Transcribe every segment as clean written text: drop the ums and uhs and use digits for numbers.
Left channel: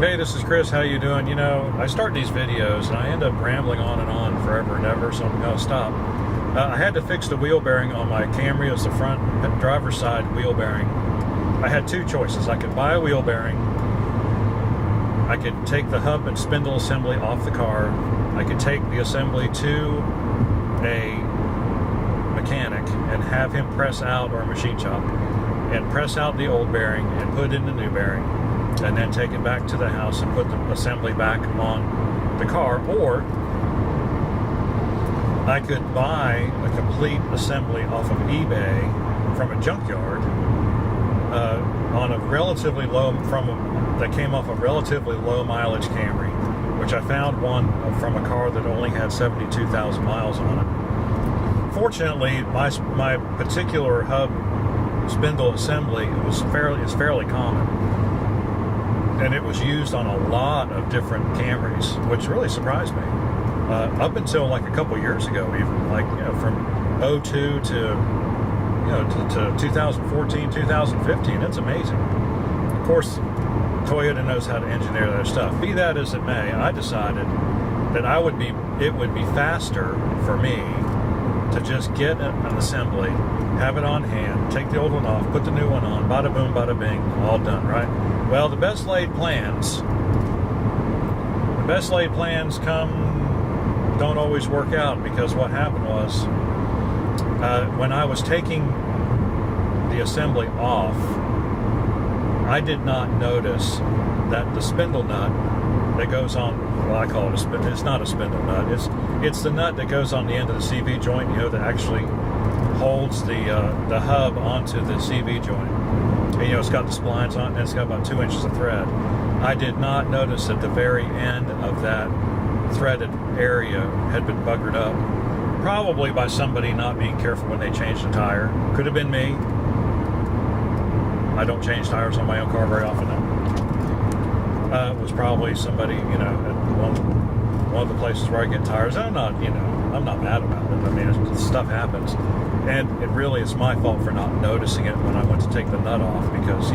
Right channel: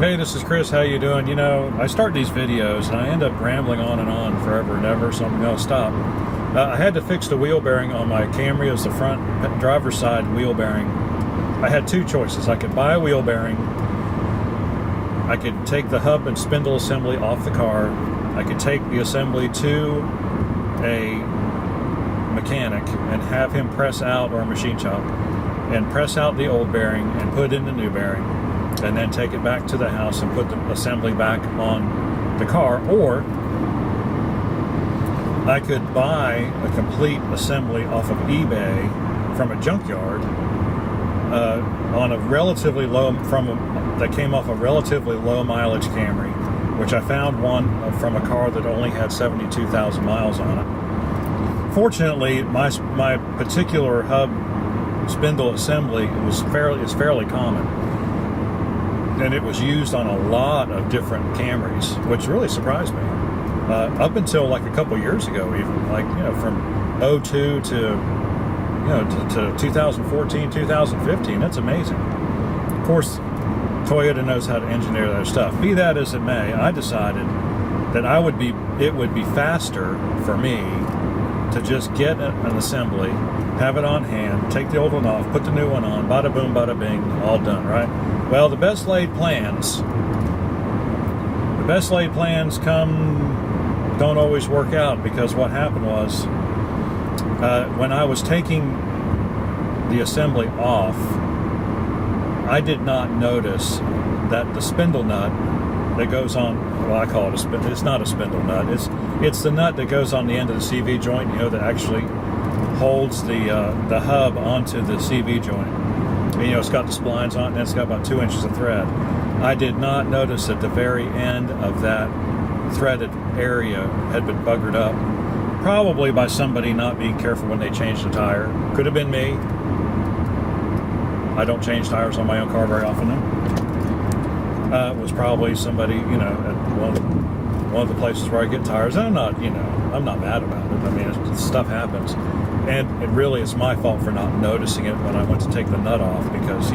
Hey, this is Chris. How you doing? You know, I start these videos and I end up rambling on and on forever and ever, so I'm going to stop. I had to fix the wheel bearing on my Camry as the front driver's side wheel bearing. I had two choices. I could buy a wheel bearing. I could take the hub and spindle assembly off the car. I could take the assembly to a mechanic and have him press out, or a machine shop, and press out the old bearing and put in the new bearing, and then take it back to the house and put the assembly back on the car. Or I could buy a complete assembly off of eBay from a junkyard on a relatively low, that came off a relatively low mileage Camry, which I found one from a car that only had 72,000 miles on it. Fortunately, my particular hub spindle assembly is fairly common. And it was used on a lot of different Camrys, which really surprised me. Up until like a couple years ago, even from 02 to 2014, 2015. It's amazing. Of course, Toyota knows how to engineer their stuff. Be that as it may, I decided that it would be faster for me to just get an assembly, have it on hand, take the old one off, put the new one on, bada boom, bada bing, all done, right? Well, the best laid plans don't always work out, because what happened was, when I was taking the assembly off, I did not notice that the spindle nut that goes on, well, I call it it's not a spindle nut, it's the nut that goes on the end of the CV joint, that actually holds the hub onto the CV joint. And, it's got the splines on it, and it's got about 2 inches of thread. I did not notice that the very end of that threaded area had been buggered up, probably by somebody not being careful when they changed the tire. Could have been me. I don't change tires on my own car very often, though. It was probably somebody, at one of the places where I get tires. And I'm not mad about it. I mean, stuff happens. And it's my fault for not noticing it when I went to take the nut off, because,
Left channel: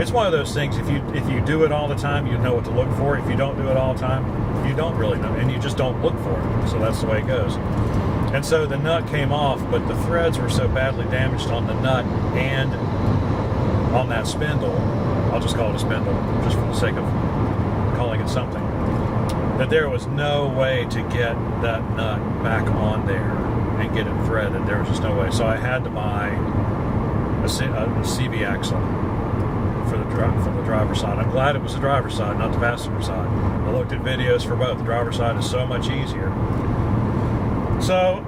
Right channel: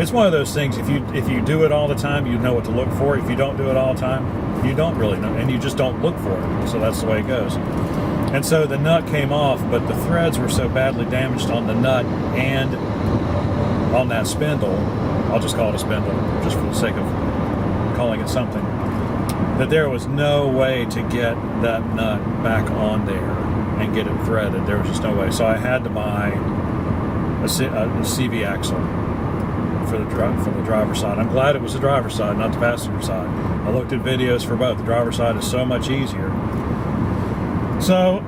it's one of those things. If you do it all the time, you know what to look for. If you don't do it all the time, you don't really know, and you just don't look for it. So that's the way it goes. And so the nut came off, but the threads were so badly damaged on the nut and on that spindle, I'll just call it a spindle, just for the sake of calling it something, that there was no way to get that nut back on there and get it threaded. There was just no way. So I had to buy a CV axle for the driver's side. I'm glad it was the driver's side, not the passenger side. I looked at videos for both. The driver's side is so much easier. So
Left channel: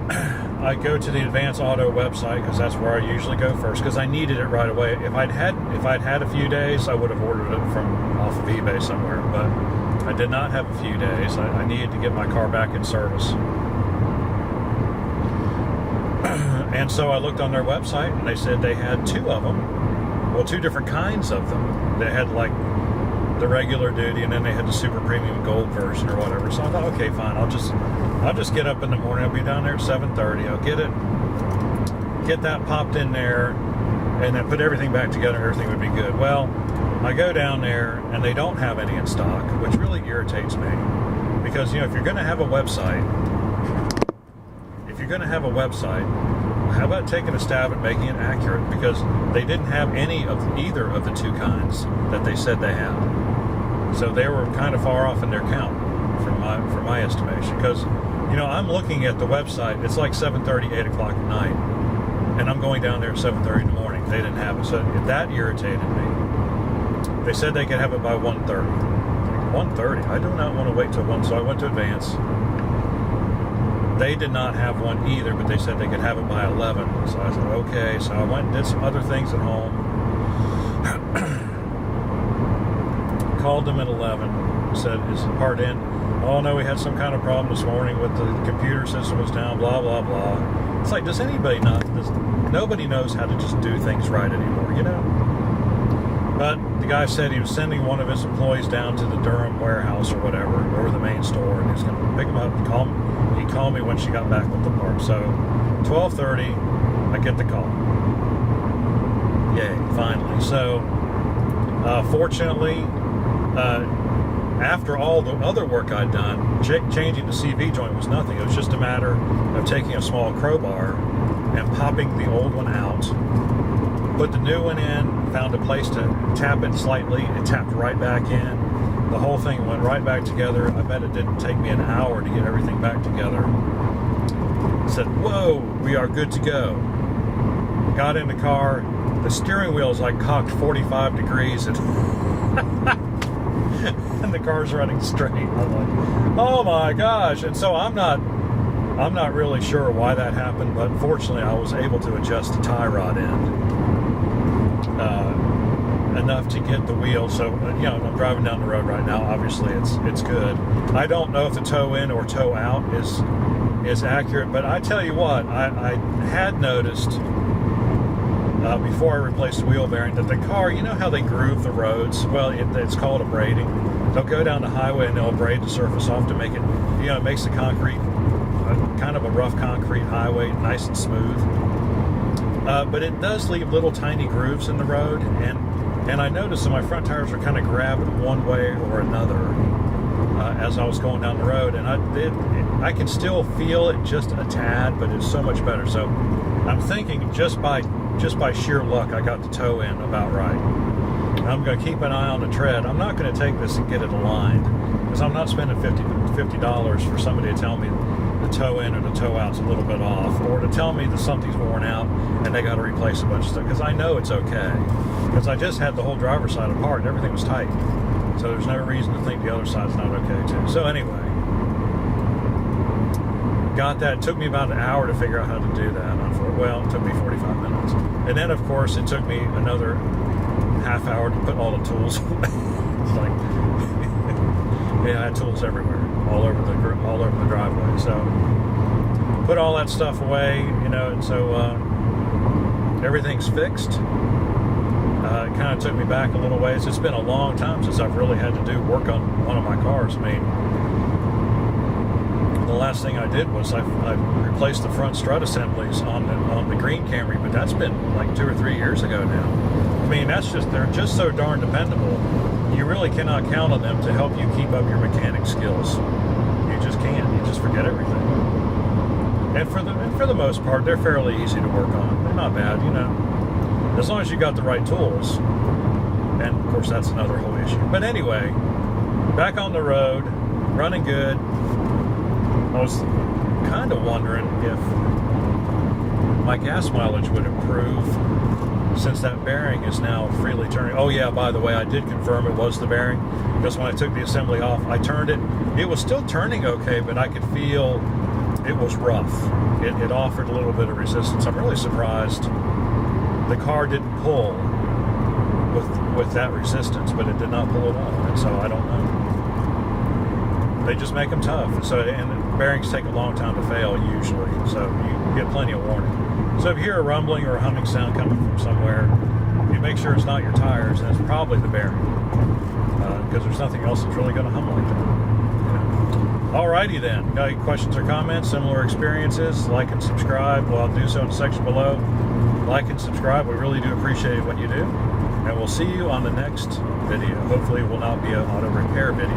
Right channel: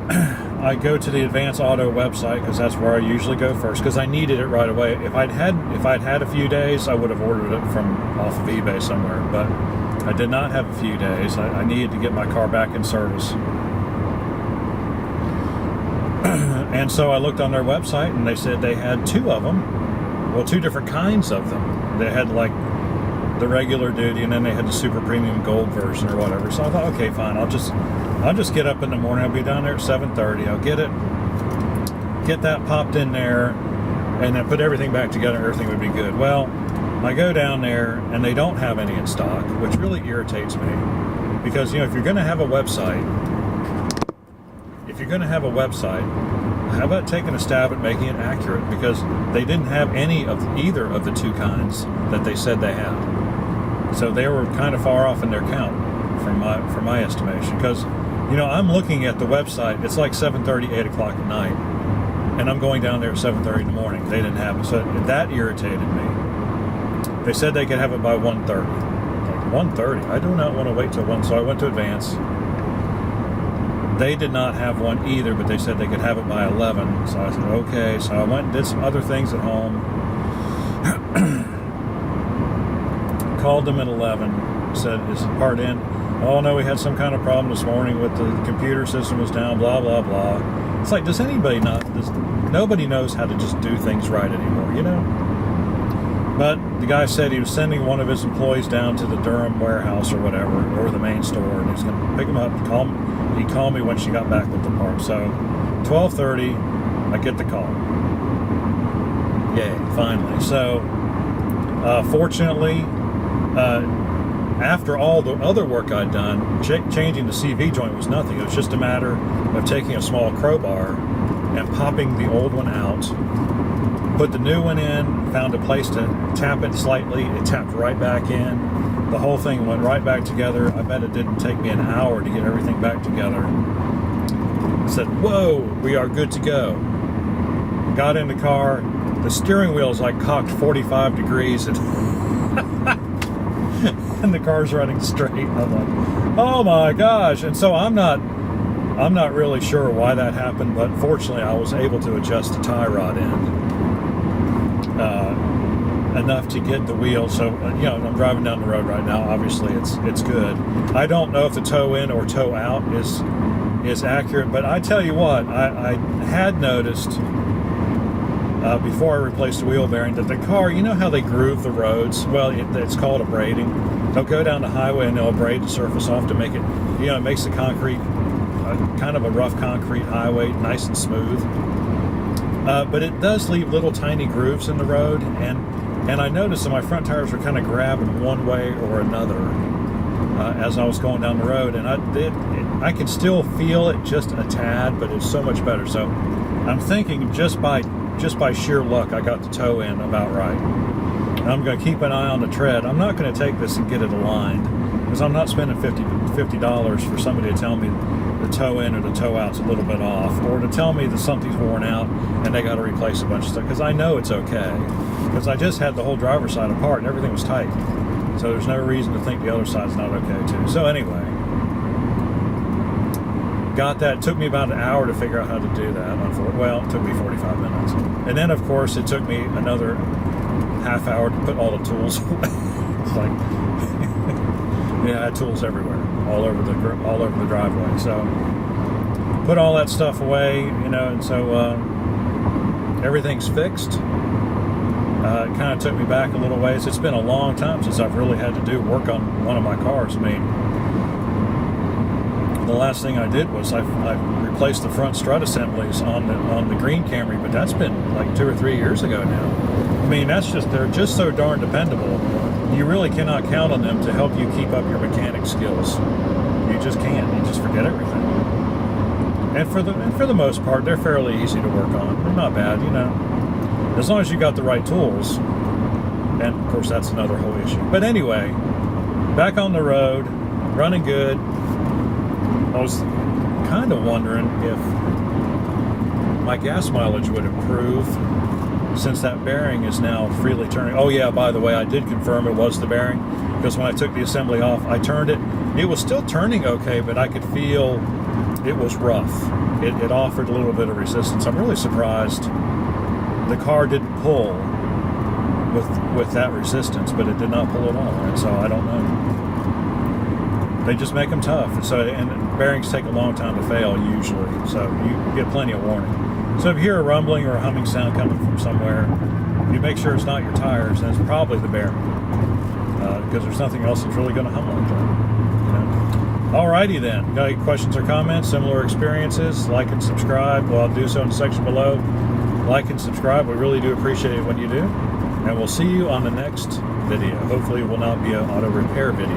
I go to the Advanced Auto website, because that's where I usually go first, because I needed it right away. If I'd had a few days, I would have ordered it from off of eBay somewhere, but I did not have a few days. I needed to get my car back in service. And so I looked on their website, and they said they had two of them. Well, two different kinds of them. They had like the regular duty, and then they had the super premium gold version or whatever. So I thought, okay, fine. I'll just get up in the morning. I'll be down there at 7:30. I'll get that popped in there, and then put everything back together. Everything would be good. Well, I go down there, and they don't have any in stock, which really irritates me, because if you're going to have a website, how about taking a stab at making it accurate? Because they didn't have either of the two kinds that they said they had. So they were kind of far off in their count from my estimation. Because, I'm looking at the website, it's like 7:30, 8 o'clock at night, and I'm going down there at 7:30 in the morning. They didn't have it. So that irritated me. They said they could have it by 1:30. Like, 1:30? I do not want to wait till 1. So I went to Advance. They did not have one either, but they said they could have it by 11. So I said, okay. So I went and did some other things at home. Called them at 11. Said, is the part in? Oh, no, we had some kind of problem this morning with the computer system was down, blah, blah, blah. It's like, nobody knows how to just do things right anymore, But the guy said he was sending one of his employees down to the Durham warehouse or whatever, or the main store, and he was going to pick him up and call him. He called me when she got back with the part. So 12:30, I get the call. Yay, finally. So fortunately, after all the other work I'd done, changing the CV joint was nothing. It was just a matter of taking a small crowbar and popping the old one out, put the new one in, found a place to tap it slightly. It tapped right back in. The whole thing went right back together. I bet it didn't take me an hour to get everything back together. I said, whoa, we are good to go. Got in the car. The steering wheel's like cocked 45 degrees and, and the car's running straight. I'm like, oh my gosh. And so I'm not really sure why that happened, but fortunately I was able to adjust the tie rod end enough to get the wheel. So, I'm driving down the road right now. Obviously it's good. I don't know if the toe in or toe out is accurate, but I tell you what, I had noticed before I replaced the wheel bearing that the car, you know how they groove the roads? Well, it's called abrading. They'll go down the highway and they'll abrade the surface off to make it, it makes the concrete kind of a rough concrete highway nice and smooth. But it does leave little tiny grooves in the road, and I noticed that my front tires were kind of grabbing one way or another as I was going down the road, and I could still feel it just a tad, but it's so much better. So I'm thinking just by sheer luck, I got the toe in about right. I'm going to keep an eye on the tread. I'm not going to take this and get it aligned, because I'm not spending $50 for somebody to tell me the toe in or the toe out's a little bit off, or to tell me that something's worn out and they got to replace a bunch of stuff, because I know it's okay, because I just had the whole driver's side apart and everything was tight, so there's no reason to think the other side's not okay too. So anyway, got that. It took me about an hour to figure out how to do that. Well, it took me 45 minutes, and then of course it took me another half hour to put all the tools away. It's like yeah, I had tools everywhere, all over the driveway. So put all that stuff away, and so everything's fixed. It kind of took me back a little ways. It's been a long time since I've really had to do work on one of my cars. I mean, the last thing I did was I replaced the front strut assemblies on the green Camry, but that's been like 2 or 3 years ago now. I mean, they're just so darn dependable. You really cannot count on them to help you keep up your mechanic skills. You just can't. You just forget everything. And for the most part, they're fairly easy to work on. They're not bad, as long as you got the right tools. And of course, that's another whole issue. But anyway, back on the road, running good. I was kind of wondering if my gas mileage would improve since that bearing is now freely turning. Oh yeah, by the way, I did confirm it was the bearing, because when I took the assembly off, I turned it. It was still turning okay, but I could feel it was rough. It offered a little bit of resistance. I'm really surprised the car didn't pull with that resistance, but it did not pull at all, and so I don't know. They just make them tough, and bearings take a long time to fail usually, so you get plenty of warning. So if you hear a rumbling or a humming sound coming from somewhere, you make sure it's not your tires, and it's probably the bearing, because there's nothing else that's really going to hum like that. Alrighty then. Got any questions or comments, similar experiences? Like and subscribe. Well, I'll do so in the section below. Like and subscribe. We really do appreciate it when you do. And we'll see you on the next video. Hopefully it will not be an auto repair video.